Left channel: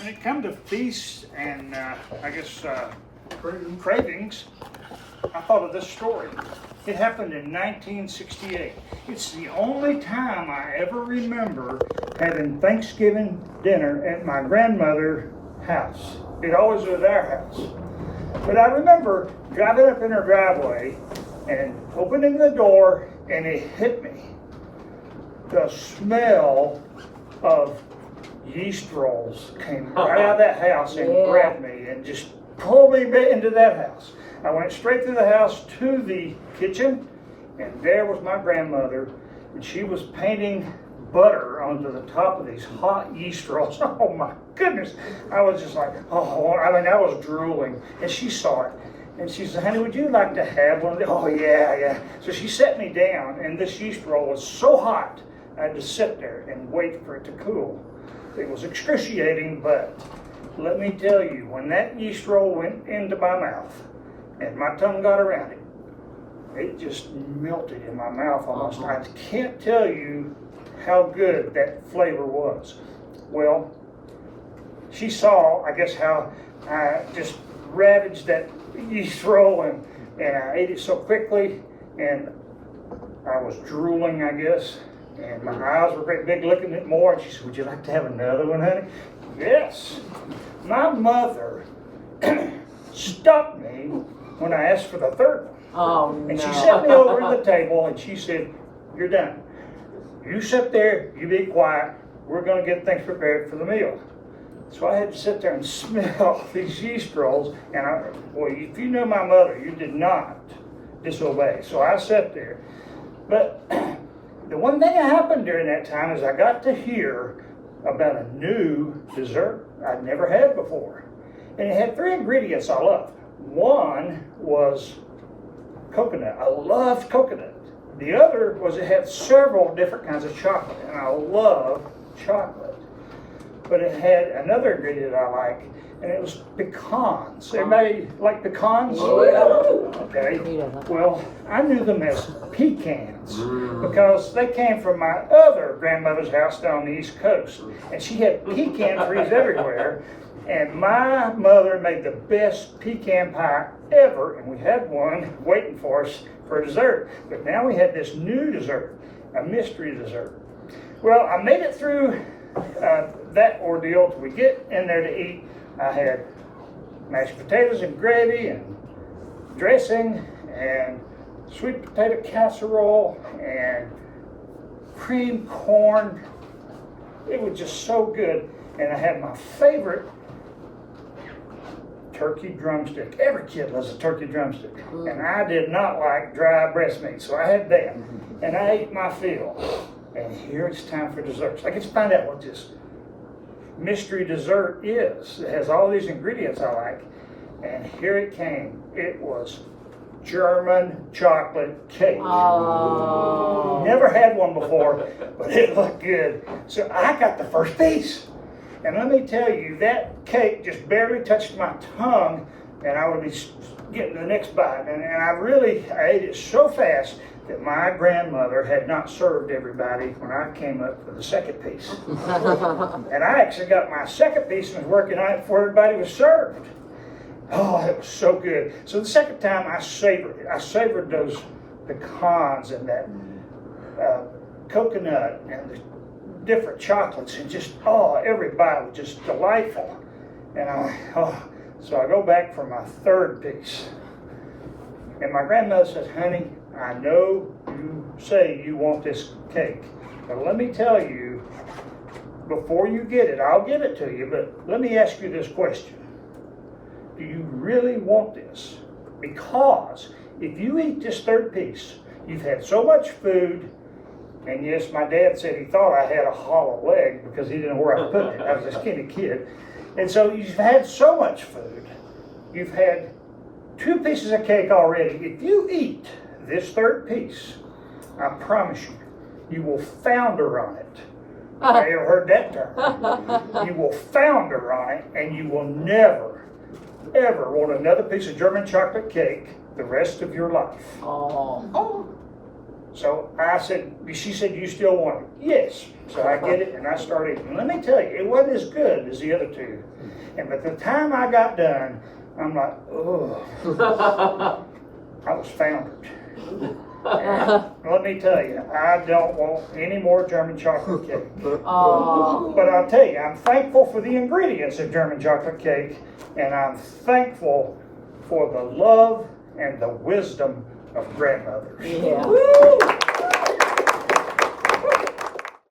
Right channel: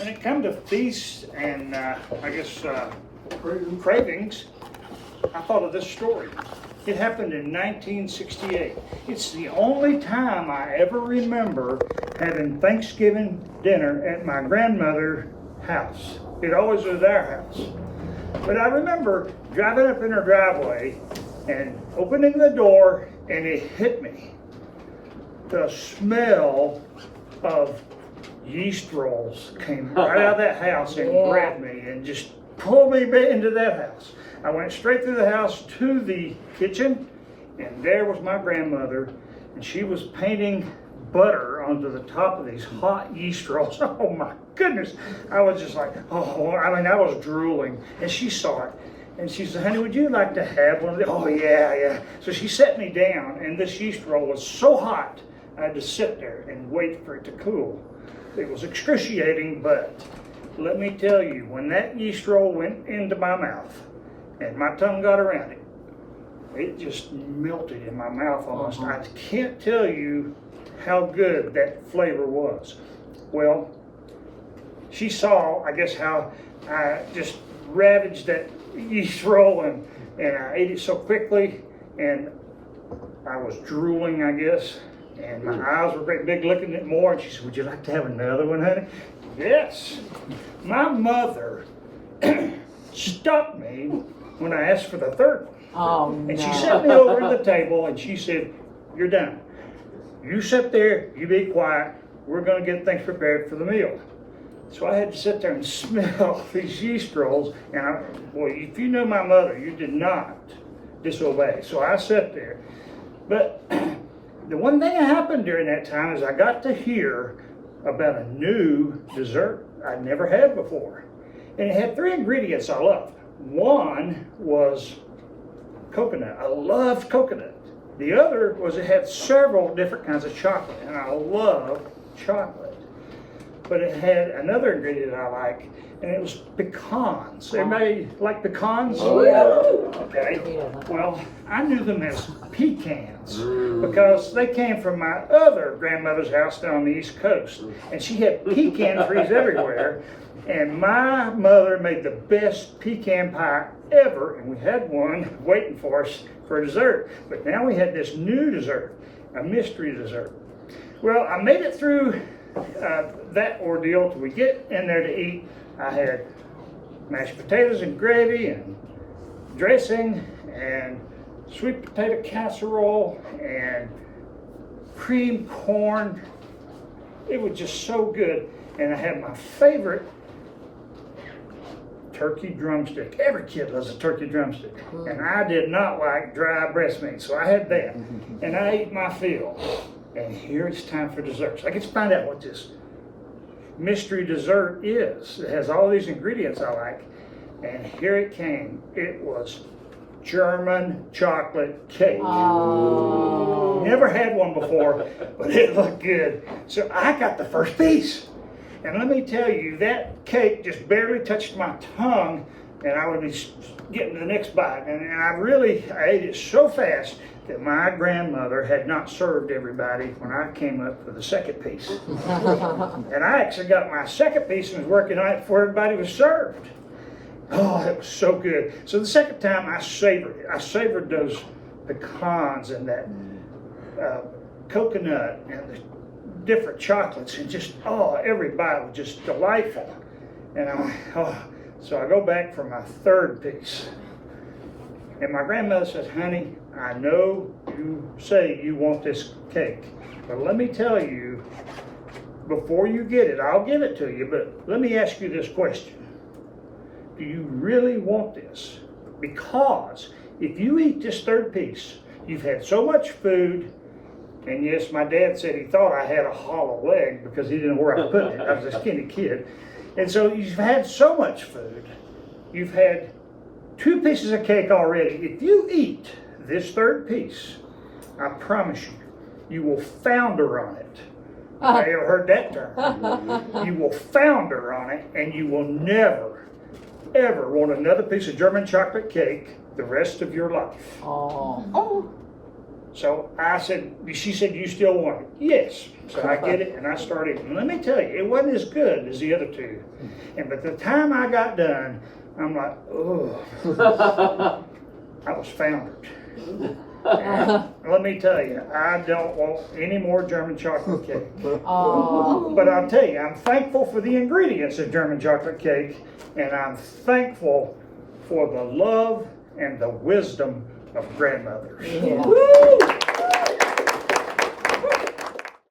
when it come to feasts and I guess cravings, I thought of this story. It happened in 1968. It's the only time I ever remember having Thanksgiving dinner at my grandmother's house. It always was their house. But I remember driving up in her driveway and opening the door, and it hit me. The smell of yeast rolls came right out of that house and grabbed me and just pulled me into that house. I went straight through the house to the kitchen, and there was my grandmother, and she was painting butter onto the top of these hot yeast rolls. Oh my goodness. I was just like, oh, I mean, I was drooling, and she saw it. And she said, honey, would you like to have one of these? Oh, yeah. So she set me down, and this yeast roll was so hot, I had to sit there and wait for it to cool. It was excruciating, but let me tell you, when that yeast roll went into my mouth and my tongue got around it, it just melted in my mouth almost. I can't tell you how good that flavor was. Well, she saw, I guess, how I just ravaged that yeast roll and I ate it so quickly, and I was drooling, I guess, and my eyes were great big looking at more, and she said, would you like to have another one, honey? Yes. My mother stopped me when I asked for the third one. Oh, and no. she set me over at the table and she said, you're done. You sit there, you be quiet, we're gonna get things prepared for the meal. So I had to sit there and smell these yeast rolls, and boy, if you knew my mother, you did not disobey. So I sat there. But the one thing that happened during that time is I got to hear about a new dessert I'd never had before. And it had 3 ingredients I loved. One was coconut. I loved coconut. The other was it had several different kinds of chocolate, and I love chocolate. But it had another ingredient I like, and it was pecans. Everybody like pecans? Oh, yeah. Okay. Well, I knew them as pecans because they came from my other grandmother's house down on the East Coast, and she had pecan trees everywhere. And my mother made the best pecan pie ever, and we had one waiting for us for dessert. But now we had this new dessert, a mystery dessert. Well, I made it through that ordeal till we get in there to eat. I had mashed potatoes and gravy and dressing and sweet potato casserole and creamed corn. It was just so good. And I had my favorite turkey drumstick. Every kid loves a turkey drumstick. And I did not like dry breast meat, so I had that. And I ate my fill. And here it's time for dessert. So I get to find out what this mystery dessert is. It has all these ingredients I like. And here it came. It was German chocolate cake. Oh. Never had one before, but it looked good. So I got the first piece. And let me tell you, that cake just barely touched my tongue, and I would be getting the next bite. And I ate it so fast that my grandmother had not served everybody when I came up for the second piece. And I actually got my second piece and was working on it before everybody was served. Oh, it was so good. So the second time I savored it. I savored those pecans and that coconut and the different chocolates, and just, every bite was just delightful. And so I go back for my third piece. And my grandmother said, honey, I know you say you want this cake, but let me tell you, before you get it, I'll give it to you, but let me ask you this question. Do you really want this? Because if you eat this third piece, you've had so much food. And yes, my dad said he thought I had a hollow leg because he didn't know where I put it. I was a skinny kid. And so you've had so much food. You've had 2 pieces of cake already. If you eat this third piece, I promise you, you will founder on it. Have you ever heard that term? You will founder on it, and you will never, ever want another piece of German chocolate cake the rest of your life. Oh. So I said, she said, you still want it? Yes. So I get it, and I started, and let me tell you, it wasn't as good as the other two. And by the time I got done, I'm like, oh, I was foundered. And let me tell you, I don't want any more German chocolate cake. Oh. But I'll tell you, I'm thankful for the ingredients of German chocolate cake, and I'm thankful for the love and the wisdom of grandmothers. Yeah.